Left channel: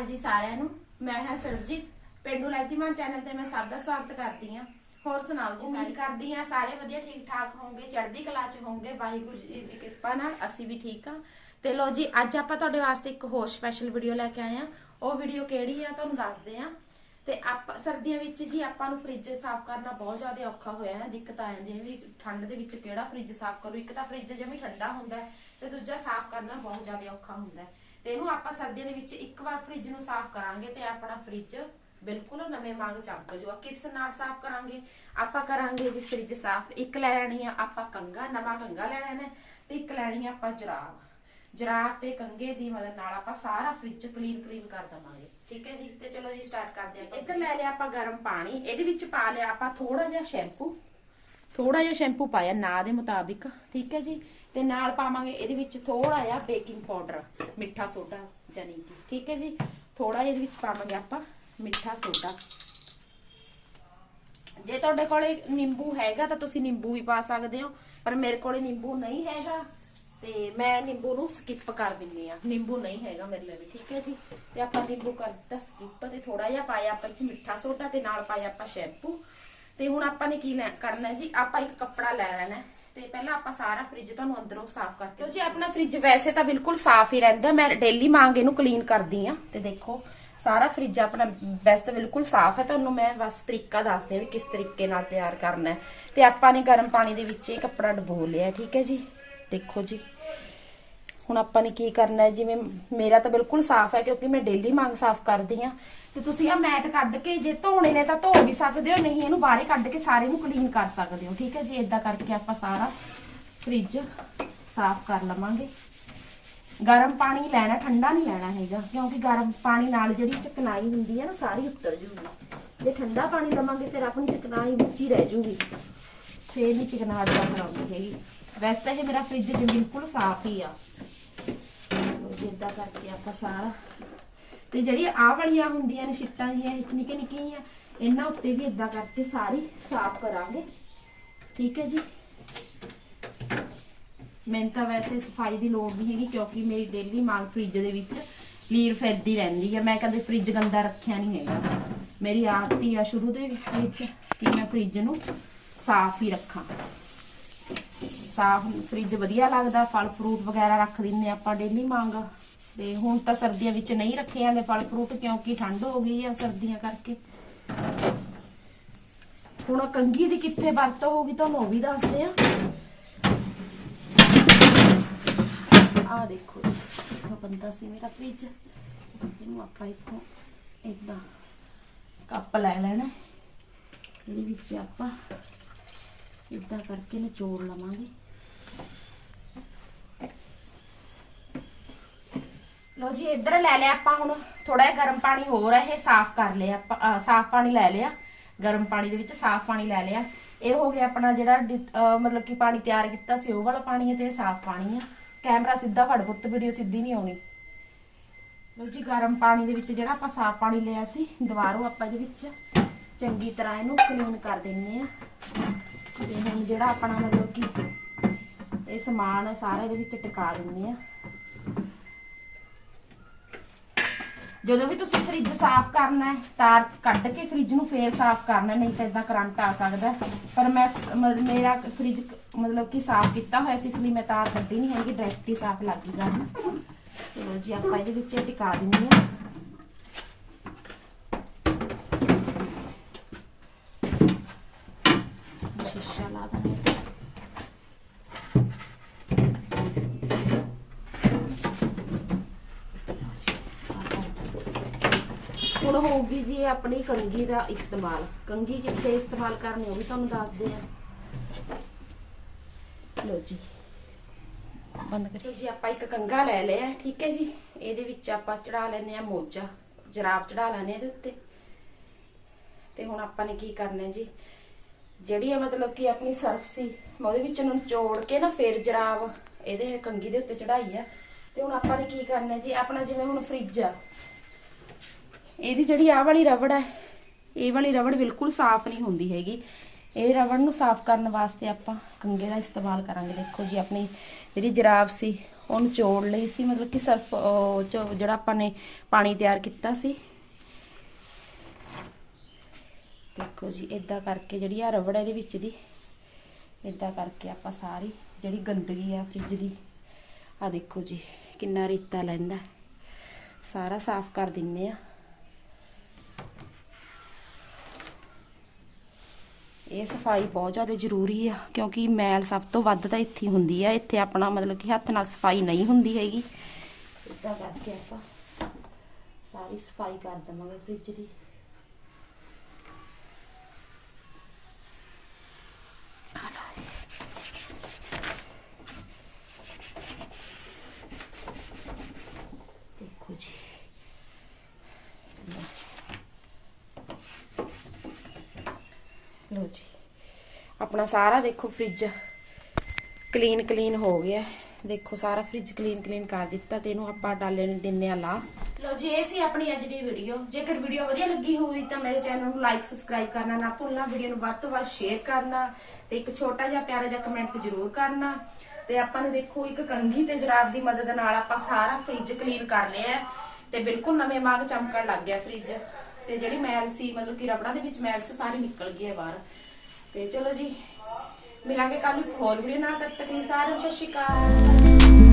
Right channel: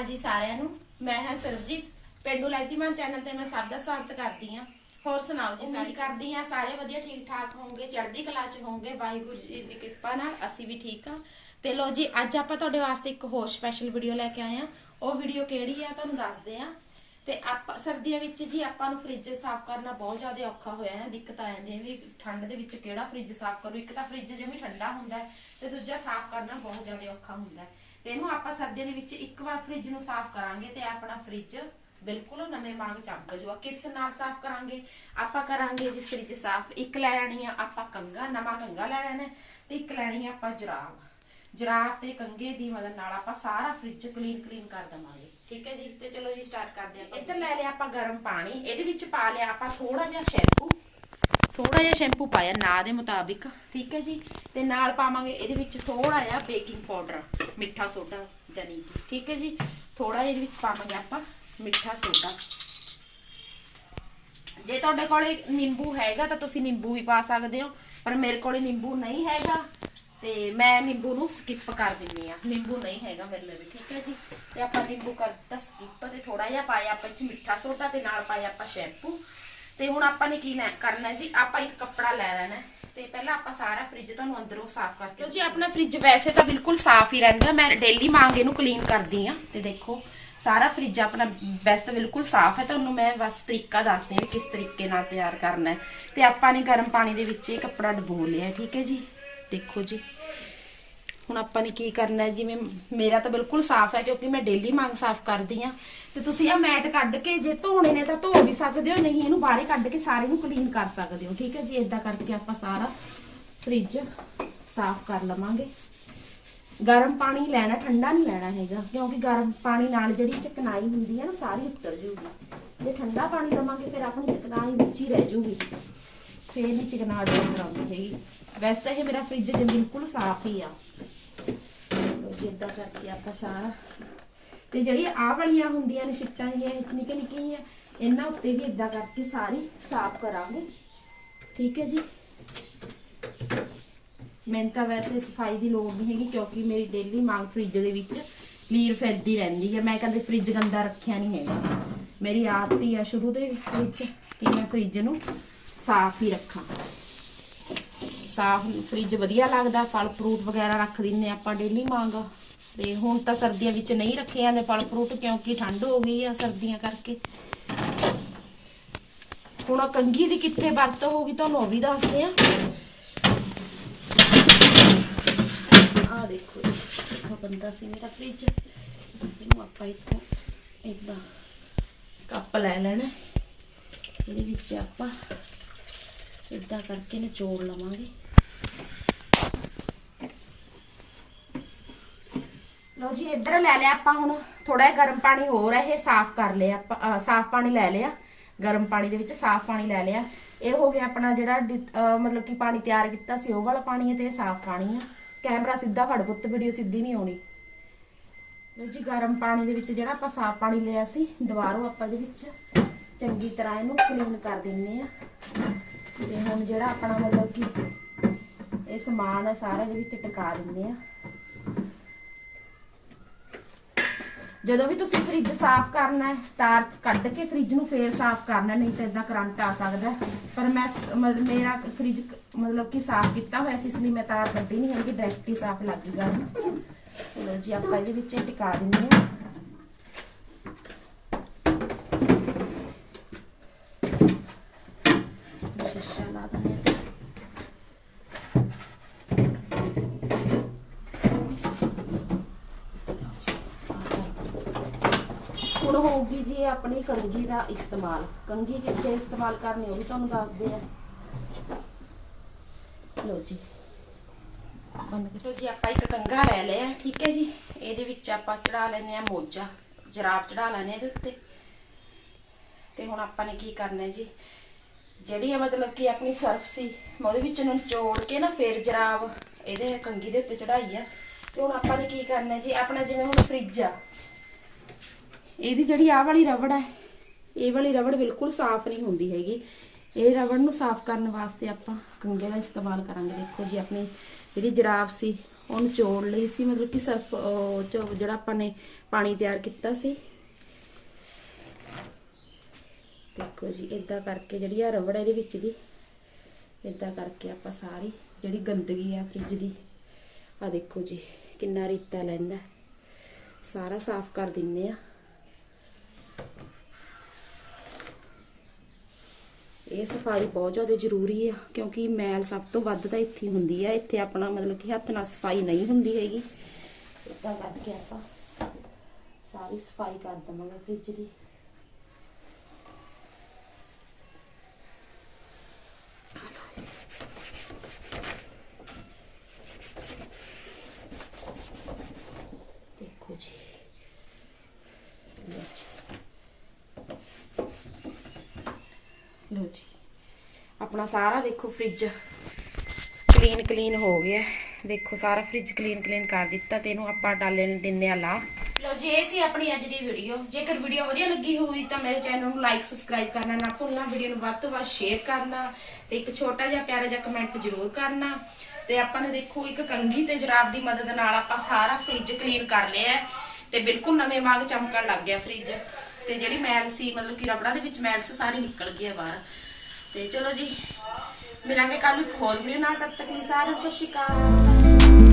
ਅਕਾਲ ਜੀ ਸਾਰਿਆਂ ਨੂੰ। ਮੈਂ ਹਾਂ ਸਰਬਜੀਤ। ਪਿੰਡੂ ਲਾਈਤੀਮਾਨ ਚੈਨਲ ਤੇ ਮੈਂ ਸਭ ਦਾ ਸਵਾਗਤ ਕਰਦੀ ਹਾਂ। ਹੋਰ ਸੁਣਾਓ ਜੀ ਸਾਰੀ? ਕਰਦੀ ਹਾਂ ਸਾਰੇ ਵਧੀਆ ਠੀਕ ਠਾਕ ਹੋਵੋਗੇ ਚੜ੍ਹਦੀ ਕਲਾ ਚ ਹੋਵੋਗੇ ਵਾਹਿਗੁਰੂ ਜੀ ਦੀ ਕਿਰਪਾ ਨਾਲ ਅਸੀਂ ਵੀ ਠੀਕ ਹਾਂ। ਤੇ ਲੋ ਜੀ, ਅੱਜ ਆਪਾਂ ਤੁਹਾਡੇ ਵਾਸਤੇ ਇੱਕ ਹੋਰ ਸਪੈਸ਼ਲ ਵੀਡੀਓ ਲੈ ਕੇ ਆਏ ਹਾਂ। ਉਹ ਵੀਡੀਓ ਕਿਹੜੀ ਆ, ਤੁਹਾਨੂੰ ਦੱਸਦੇ ਆ ਤੇ ਆਪਾਂ, ਸਰਦੀਆਂ ਵਿੱਚ ਜੀ ਆਪਾਂ ਨੂੰ ਫ੍ਰਿਜ ਸਾਫ਼ ਕਰਨਾ ਬਹੁਤ ਜ਼ਿਆਦਾ ਔਖਾ ਹੋਇਆ ਹੈ ਦਿੱਕਤ ਆ ਜਾਂਦੀ ਹੈ ਵੀ ਠੰਡ ਦੇ ਵਿੱਚ ਕਿਹੜਾ ਫ੍ਰਿਜ ਸਾਫ਼ ਕਰੂ? ਇੱਕ ਤਾਂ ਫ੍ਰਿਜ ਜਮੀ ਠੰਡਾ ਹੁੰਦਾ ਤੇ ਦੂਜਾ ਸਾਫ਼ ਕਰਨਾ ਬਹੁਤ ਜ਼ਿਆਦਾ ਔਖਾ ਹੁੰਦਾ ਤੇ ਇਹਨੂੰ ਆਪਾਂ ਸਰਦੀਆਂ ਦੇ ਵਿੱਚ ਇੱਕ ਵਾਰ ਫ੍ਰਿਜ ਨੂੰ ਸਾਫ਼ ਕਰਾਂਗੇ ਤੇ ਆਪਣਾ ਫ੍ਰਿਜ ਬਿਲਕੁਲ ਨਵੇਂ ਵਾਂਗ ਚਮਕ ਜੂਗਾ ਕਿਸ ਨਾਲ ਸਾਫ਼ ਕਰਾਂਗੇ? ਆਪਾਂ ਕਰਾਂਗੇ ਜੀ ਫ੍ਰਿਜ ਸਾਫ਼। ਇੱਕ ਲੈ ਲੈਣੀ ਆ ਆਪਾਂ ਕੰਗਾ ਨਵਾਂ ਕੰਗਾ ਲੈ ਲੈਣਾ ਤੇ ਇੱਕ ਲੈਣੀ ਆ ਆਪਾਂ ਜਰਾਬ। ਜਰਾਬ ਤੇ ਕੰਗੇ ਦੀ ਮਦਦ ਨਾਲ ਆਪਾਂ ਸਾਰਾ ਫ੍ਰਿਜ ਕਲੀਨ ਕਲੀਨ ਕਰ ਦਵਾਂਗੇ। ਠੀਕ ਹੈ ਜੀ ਤੇ ਚਲੋ ਜੀ ਸਟਾਰਟ ਕਰਦੇ ਆਪਾਂ। ਇੱਧਰ ਲੈ ਲਿਆ ਆਪਾਂ ਗਰਮ ਪਾਣੀ ਇਹਦੇ ਵਿੱਚ ਪਾ ਲਿਆ ਆਪਾਂ ਥੋੜਾ ਜਿਹਾ ਸ਼ੈਂਪੂ ਥੋੜਾ ਜਿਹਾ ਸ਼ੈਂਪੂ ਪਾਇਆ ਨਾ ਦੇ ਮੁਤਾਬਿਕ ਠੀਕ ਹੈ ਜੀ? ਤੇ ਨਾਲ ਪਾਵਾਂਗੇ ਇਹਦੇ ਵਿੱਚ ਥੋੜਾ ਜਿਹਾ ਬੇਕਿੰਗ ਪਾਊਡਰ ਮਿੱਠਾ ਸੋਡਾ ਜਾਨੀ ਕਿ ਠੀਕ ਹੈ ਜੀ? ਥੋੜਾ ਜਿਹਾ ਇਹਦੇ ਵਿੱਚ ਪਾਵਾਂਗੇ ਆਪਾਂ ਮਿੱਠਾ ਸੋਡਾ। ਜੇ ਤੁਹਾਡੇ ਕੋਲੇ ਨਿੰਬੂ ਹੈਗਾ ਤਾਂ ਤੁਸੀਂ ਨਿੰਬੂ ਵੀ ਪਾ ਸਕਦੇ ਹੋ ਪਰ ਮੇਰੇ ਕੋਲੇ ਨਿੰਬੂ ਨਹੀਂ ਹੈਗਾ। ਤੇ ਮੈਂ ਨਿੰਬੂ ਨੂੰ ਸਕਿਪ ਕਰ ਦਿੰਨੀ ਆ। ਨਿੰਬੂ ਨਹੀਂ ਹੈਗਾ ਮੇਰੇ ਲਈ ਠੀਕ ਹੈ ਜੀ? ਤੇ ਆਪਾਂ ਨਿੰਬੂ ਕਰ ਦਿੱਤਾ ਸਕਿਪ ਤੇ ਥੋੜਾ ਜਿਹਾ ਪਾਇਆ ਆਪਾਂ ਚ ਮਿੱਠਾ ਸੋਡਾ ਤੇ ਨਾਲ ਪਾਇਆ ਆਪਾਂ ਸ਼ੈਂਪੂ ਤੇ ਹੁਣ ਆਪਾਂ ਨੇ ਕੀ ਕਰਨਾ ਜੀ? ਆਪਾਂ ਇੱਕ ਕੱਪੜਾ ਲੈ ਲੈਣਾ ਤੇ ਪਹਿਲਾਂ ਆਪਾਂ ਸਾਰਾ ਫ੍ਰਿਜ ਤੁਹਾਨੂੰ ਅੰਦਰੋਂ ਸਾਫ਼ ਕਰਕੇ ਜੀ ਆਪਣਾ ਫ੍ਰਿਜ ਵੈਸੇ ਤਾਂ ਬਿਲਕੁਲ ਸਾਫ਼ ਹੀ ਰਹਿੰਦਾ ਮੈਂ ਡੇਲੀ ਮੰਗ ਇਹਨੂੰ ਕਲੀਨ ਕਰਦੀ ਆ ਤੇ ਦੇਖੋ ਸਾਰਾ ਫ੍ਰਿਜ ਆਪਣਾ ਵੈਸੇ ਤਾਂ ਬਿਲਕੁਲ ਸਾਫ਼ ਹੈ। ਤੁਹਾਨੂੰ ਮੈਂ ਬਸ ਤਰੀਕਾ ਦੱਸਦੀ ਵੀ ਕਿਸ ਤਰੀਕੇ ਨਾਲ ਤਿਆਰ ਕਰਨਾ ਤੇ ਆਪਾਂ ਨੇ ਗਰਮ ਪਾਣੀ ਦੇ ਵਿੱਚ ਇਹ ਕੱਪੜਾ ਡਬੋ ਲਿਆ ਠੀਕ ਹੈ ਜੀ? ਦੇਖੋ ਜੀ। ਹੁਣ ਆਪਾਂ ਨੇ ਕੀ ਕਰਨਾ ਹੈ? ਜਿਵੇਂ ਮੇਰਾ ਤਾਂ ਬਿਲਕੁਲ ਸਾਫ਼ ਹੈ ਕਿਉਂਕਿ ਮੈਂ ਡੇਲੀ ਮੰਗ ਸਾਫ਼ ਕਰਦੀ ਆ ਤੇ ਤੁਸੀਂ ਆ ਮੈਟ ਕੱਢ ਕੇ ਜੇ ਧੋਣੇ ਨੇ ਤਾਂ ਧੋ ਵੀ ਸਕਦੇ ਹੋ, ਨਹੀਂ ਇਹਨੂੰ ਬਾਹਰ ਕੱਢ ਕੇ ਸਾਰੇ ਨੂੰ ਕਲੀਨ ਕਰ ਸਕਦੇ ਹੋ, ਠੀਕ ਹੈ ਜੀ? ਇਦਾਂ ਕਰਕੇ ਆਪਾਂ ਸਾਰਾ ਫ੍ਰਿਜ ਸਾਫ਼ ਕਰ ਲਵਾਂਗੇ। ਗਰਮ ਪਾਣੀ ਲੈਣਾ, ਠੰਡਾ ਨਹੀਂ ਲੈਣਾ ਹੈਗਾ, ਕਿਉਂਕਿ ਗਰਮ ਪਾਣੀ ਨਾਲ ਜਿਹੜੀ ਚਕਨਾਈ ਹੁੰਦੀ ਹੈ ਨਾ, ਸਾਰੀ ਉੱਤਰ ਜੂਗੀ। ਜੇ ਠੰਡਾ ਪਾਣੀ ਲਵਾਂਗੇ, ਫਿਰ ਆਪਣੀ ਚਕਨਾਈ ਵਿੱਚ ਹੀ ਰਹਿ ਜੂਗੀ। ਫੇਰ ਨਹੀਂ ਚਕਨਾ ਬਾਹਰ ਆਉਂਦੀ ਹੈਗੀ। ਵੈਸੇ ਤਾਂ ਇਹ ਮੇਰਾ ਫ੍ਰਿਜ ਜੀ ਬਿਲਕੁਲ ਸਾਫ਼ ਹੀ ਆ। ਜਿੱਦਾਂ ਕਰਕੇ ਆਪਾਂ ਸਾਰਾ ਤੇ ਜਿਹੜੀ ਆਹ ਵਾਲੀਆਂ ਹੁੰਦੀਆਂ ਨੇ, ਛਿੱਟਾਂ ਜਿਹੀਆਂ ਨਿੱਕੇ ਨਿੱਕੀਆਂ ਇਹਨਾਂ ਉੱਤੇ ਵੀ ਇਦਾਂ ਕਰਕੇ ਸਾਰੀ ਸਾਫ਼ ਕਰਾਂਗੇ। ਠੀਕ ਹੈ ਜੀ? ਮੈਨੂੰ ਤਾਂ ਵੈਸੇ ਸਫ਼ਾਈ ਦੀ ਲੋੜ ਨਹੀਂ ਹੈਗੀ, ਕਿਉਂਕਿ ਮੇਰੀ ਡੇਲੀ ਮਾਲ ਫ੍ਰਿਜ ਦੇ ਵਿੱਚ ਲੀਰ ਫਿਰਦੀ ਰਹਿੰਦੀ ਹੈ। ਮੈਂ ਕਦੇ ਫ੍ਰਿਜ ਗੰਦਾ ਰੱਖਿਆ ਨਹੀਂ ਹੈਗਾ। ਮੇਰੀ ਆਦਤ ਹੀ ਆ ਸ਼ੁਰੂ ਦੇ ਵਿੱਚ ਕਿ ਮੈਂ ਫ੍ਰਿਜ ਨੂੰ ਸਾਫ਼ ਹੀ ਰੱਖਾਂ। ਸਾਫ਼ ਫ੍ਰਿਜ ਵਧੀਆ ਲੱਗਦਾ, ਫਲ ਫਰੂਟ ਵਗੈਰਾ ਰੱਖ ਦਿੰਨੇ ਆਪਾਂ ਡੇਲੀ ਮੰਗ ਤੇ ਹੁਣ ਤਾਂ ਸਰਦੀਆਂ ਵਿੱਚ ਨਹੀਂ ਰੱਖੇ ਜਾਂਦੇ ਫਲ ਫਰੂਟ ਕਿਉਂਕਿ ਠੰਡ ਹੋ ਗਈ ਆ ਸਰਦੀਆਂ ਕਰਕੇ। ਹੁਣ ਆਹ ਕੰਗੀ ਦੀ ਕਿੱਥੇ ਵਰਤੋਂ ਹੋਗੀ ਤੁਹਾਨੂੰ ਉਹ ਵੀ ਦੱਸਦੇ ਆ ਆ ਦੇਖੋ ਜੀ ਬੰਦਾ ਸੀ ਮੇਰਾ ਫ੍ਰਿਜ ਇਹਨੂੰ ਆਪਾਂ ਇੱਥੋਂ ਇਦਾਂ ਕੱਪ ਲੈ ਲੈਣਾ। ਇਹਦੇ ਵਿੱਚ ਆਪਾਂ ਇਦਾਂ ਕਰਕੇ ਨਿਚੋੜ ਲਵਾਂਗੇ। ਲੋ ਜੀ, ਇੱਧਰ ਲੈ ਲਿਆ ਆਪਾਂ ਹੁਣ। ਥੋੜਾ ਜਿਹਾ ਗਰਮ ਪਾਣੀ ਹੋਰ ਹੈ ਇਹ ਸਾਫ਼ ਕਰ ਲਿਆ ਆਪਾਂ ਸਾਫ਼ ਪਾਣੀ ਲੈ ਲਿਆ। ਗਰਮ ਪਾਣੀ ਦੇ ਵਿੱਚ ਸਾਫ਼ ਪਾਣੀ ਲੈ ਲਿਆ। ਇਹ ਹੋ ਗਿਆ ਆਪਣਾ ਜਿਹੜਾ ਮਤਲਬ ਕਿ ਪਾਣੀ ਤਿਆਰ ਕੀਤਾ ਸੀ, ਉਹ ਵਾਲਾ ਪਾਣੀ ਹੈ ਤੇ ਸਾਫ਼ ਪਾਣੀ ਆ। ਕੈਮਰਾ ਸਿੱਧਾ ਫੜ ਪੁੱਤ, ਵੀਡੀਓ ਸਿੱਧੀ ਨਹੀਂ ਆਉਣੀ। ਲੋ ਜੀ, ਗਰਮ ਪਾਣੀ ਦੇ ਵਿੱਚ ਜਿਹੜਾ ਆਪਾਂ ਸਾਫ਼ ਪਾਣੀ ਲਿਆ ਸੀ, ਦੁਬਾਰੋਂ ਆਪਾਂ ਇਹਦੇ ਵਿੱਚ ਚੰਗੀ ਤਰ੍ਹਾਂ ਇਹਨੂੰ ਕਲੀਨ ਕਰ ਦਿੰਨੇ ਆ। ਤੇ ਹੁਣ ਜਿਹੜਾ ਆਪਣਾ ਮਤਲਬ ਕਿ ਇਹ ਸਮਾਨ ਹੈ ਸਾਰਾ ਇਹਦੇ ਵਿੱਚ ਟਿਕਾ ਦਿੰਨੇ ਆ। ਜਦੋਂ ਵੀ ਤੁਸੀਂ ਫ੍ਰਿਜ ਸਾਫ਼ ਕਰਨਾ ਹੈ, ਤਾਰ ਕੱਢ ਕੇ ਫ੍ਰਿਜ ਨੂੰ ਫੇਰ ਸਾਫ਼ ਕਰਨਾ, ਨਹੀਂ ਤਾਂ ਇਦਾਂ ਕਰੰਟ ਆ ਸਕਦਾ। ਪਰ ਮੈਂ ਮੇਰਾ ਫ੍ਰਿਜ ਮਤਲਬ ਕਿ ਸਾਫ਼ ਕੀਤਾ ਹੋਇਆ ਸੀ, ਇਸ ਲਈ ਮੈਂ ਤਾਰ ਕੱਢੀ ਨਹੀਂ ਹੈਗੀ ਡਾਇਰੈਕਟ ਹੀ ਸਾਫ਼ ਲੱਗ ਗਈ ਗੱਲ। ਚਲੋ ਜੀ, ਆਪਾਂ ਇਹਦੇ ਵਿੱਚ ਟਿਕਾ ਦਿੰਦੇ ਹਾਂ ਸ਼ੀਸ਼ਾ ਲਾ ਦਿੰਦੇ ਹਾਂ ਹੁਣ ਹੋਊਗੀ ਜੀ ਆਪਣੀ ਕੰਗੀ ਦਾ ਇਸਤੇਮਾਲ। ਕੰਗੀ ਕਿੱਥੇ ਇਸਤੇਮਾਲ ਕਰਨੀ ਉਹ ਵੀ ਤੁਹਾਨੂੰ ਦੱਸਦੇ ਆ। ਲੋ ਜੀ। ਬੰਦ ਕਰੋ। ਜੀ ਆਪਾਂ ਇੱਕ ਕੰਗਾ ਲੈ ਲਿਆ ਠੀਕ ਹੈ ਜੀ? ਇਹਦੇ ਵਿੱਚ ਆਪਾਂ ਚੜਾ ਲੈਨੇ ਆ ਮੋਜਾ ਜਰਾਬ ਚੜਾ ਲੈਨੇ ਇਹਦੇ ਉੱਤੇ। ਤੇ ਹੁਣ ਆਪਾਂ ਨੇ ਕੀ ਕਰਨਾ ਜੀ? ਜਿਹੜੀ ਇਹ ਮਤਲਬ ਕਿ ਆਪਣੀ ਸਰਫ ਸੀ ਮੈਂ ਉਹਦੇ ਵਿੱਚ ਨੂੰ ਨਿਚੋੜ ਕੇ ਨਾ ਫੇਰ ਜਰਾਬ ਇਹਦੇ ਕੰਗੀ ਦੇ ਉੱਤੇ ਚੜਾਈ ਆ। ਤੇ ਹੁਣ ਆਪਾਂ ਨੇ ਕੀ ਕਰਨਾ ਜੀ? ਆਪਣਾ ਜਿਵੇਂ ਹੁਣ ਫ੍ਰਿਜ ਆ ਇਹਦੀ ਜਿਹੜੀ ਆਹ ਵਾਲੀ ਰਬੜ ਹੈ, ਇਹ ਵਾਲੀ ਰਬੜ ਬਿਲਕੁਲ ਸਾਫ਼ ਨਹੀਂ ਹੁੰਦੀ ਹੈਗੀ। ਇਹ ਰਬੜ ਨੂੰ ਸਾਫ਼ ਕਰਨ ਵਾਸਤੇ ਆਪਾਂ ਕੰਗੇ ਦਾ ਇਸਤੇਮਾਲ ਕਰਾਂਗੇ। ਦੇਖੋ ਜੀ, ਆਪਣੀ ਜਿਹੜੀ ਜਰਾਬ ਸੀ, ਉਹਨੂੰ ਚੋੜ ਲਈ ਸੀ, ਮਤਲਬ ਕਿ ਸਰਫ ਚ- ਜਿਹੜਾ ਆਪਾਂ ਨੇ ਪਾਣੀ ਤਿਆਰ ਕੀਤਾ ਸੀ। ਦੇਖੋ ਜੀ ਇਦਾਂ ਕਰਕੇ ਜਿਹੜੀ ਆ ਰਬੜ ਇਹਦੇ ਵਿੱਚ ਦੀ ਇਦਾਂ ਕਰਕੇ ਆਪਾਂ ਸਾਰੀ ਜਿਹੜੀ ਗੰਦਗੀ ਆ ਫ੍ਰਿਜ ਦੀ ਆ ਦੇਖੋ ਜੀ, ਕਿੰਨਾ ਰੇਤਾ ਲੈਂਦਾ। ਸਾਰਾ ਸਾਫ਼ ਕਰ ਦਿੰਨੇ ਆ। ਇਹ ਸਫ਼ਾਈ ਬਹੁਤ ਜ਼ਿਆਦਾ ਜ਼ਰੂਰੀ ਆ, ਕਿਉਂਕਿ ਮੈਲ ਸਭ ਤੋਂ ਵੱਧ ਤਾਂ ਇੱਥੇ ਹੁੰਦੀ ਆ, ਇੱਥੇ ਆਪਣਾ ਮਤਲਬ ਕਿ ਹੱਥ ਨਾਲ ਸਫ਼ਾਈ ਨਹੀਂ ਹੁੰਦੀ ਹੈਗੀ। ਇਦਾਂ ਕਰਕੇ ਆਪਾਂ ਸਾਰੀ ਸਫ਼ਾਈ ਕਰ ਦਵਾਂਗੇ ਫ੍ਰਿਜ ਦੀ ਦੇਖੋ ਜੀ ਲਓ ਜੀ ਲਓ ਜੀ ਆਪਣਾ ਸਾਰਾ, ਦੇਖੋ ਫ੍ਰਿਜ ਕਲੀਨ ਕਲੀਨ ਹੋ ਗਿਆ। ਦੇਖੋ ਸਾਰਾ ਫ੍ਰਿਜ ਕਲੀਨ ਕਲੀਨ ਕਰ ਦਿੱਤਾ ਤੇ ਇਹਨੂੰ ਆਪਾਂ ਡਾਲੇ ਨੂੰ ਦਿੰਨੇ ਆ ਲਾ। ਲਓ ਜੀ, ਇਹ ਸੀ ਆਪਣੀ ਅੱਜ ਦੀ ਵੀਡੀਓ ਜੇਕਰ ਵੀਡੀਓ ਵਧੀਆ ਲੱਗੀ ਹੋਵੇ ਤਾਂ ਮੇਰੇ ਚੈਨਲ ਨੂੰ ਲਾਈਕ ਸਬਸਕ੍ਰਾਈਬ ਕਰਨਾ ਨਾ ਭੁੱਲਣਾ ਵੀਡੀਓ ਨੂੰ ਵੱਧ ਤੋਂ ਵੱਧ ਸ਼ੇਅਰ ਕਰਨਾ ਤੇ ਇੱਕ ਛੋਟਾ ਜਿਹਾ ਪਿਆਰਾ ਜਿਹਾ ਕਮੈਂਟ ਜ਼ਰੂਰ ਕਰਨਾ। ਤੇ ਆਪਾਂ ਨੇ ਦੇਖੋ ਇੱਕ ਕੰਘੀ ਤੇ ਜਰਾਬ ਦੀ ਮਦਦ ਨਾਲ ਆਪਾਂ ਸਾਰਾ ਫ੍ਰਿਜ ਕਲੀਨ ਕਰ ਲਿਆ ਤੇ ਬਿਲਕੁਲ ਨਵੇਂ ਵਾਂਗ ਚਮਕਣ ਲੱਗ ਗਿਆ ਫ੍ਰਿਜ ਤੇ ਜਿਹੜੀ ਮੈਲ ਸੀ, ਮਤਲਬ ਕਿ ਰਬੜਾਂ ਦੇ ਵਿੱਚ ਮੈਲ ਸੀ ਸਾਰੀ ਨਿਕਲ ਗਈ ਹੈ ਬਾਹਰ। ਤੇ ਚਲੋ ਜੀ, ਮਿਲਾਂਗੇ ਕੱਲ ਨੂੰ ਇੱਕ ਹੋਰ ਵੀਡੀਓ ਨਾਲ, ਤਦ ਤੱਕ ਲਈ ਸਾਰਿਆਂ ਨੂੰ ਸਤਿ ਸ਼੍ਰੀ ਅਕਾਲ।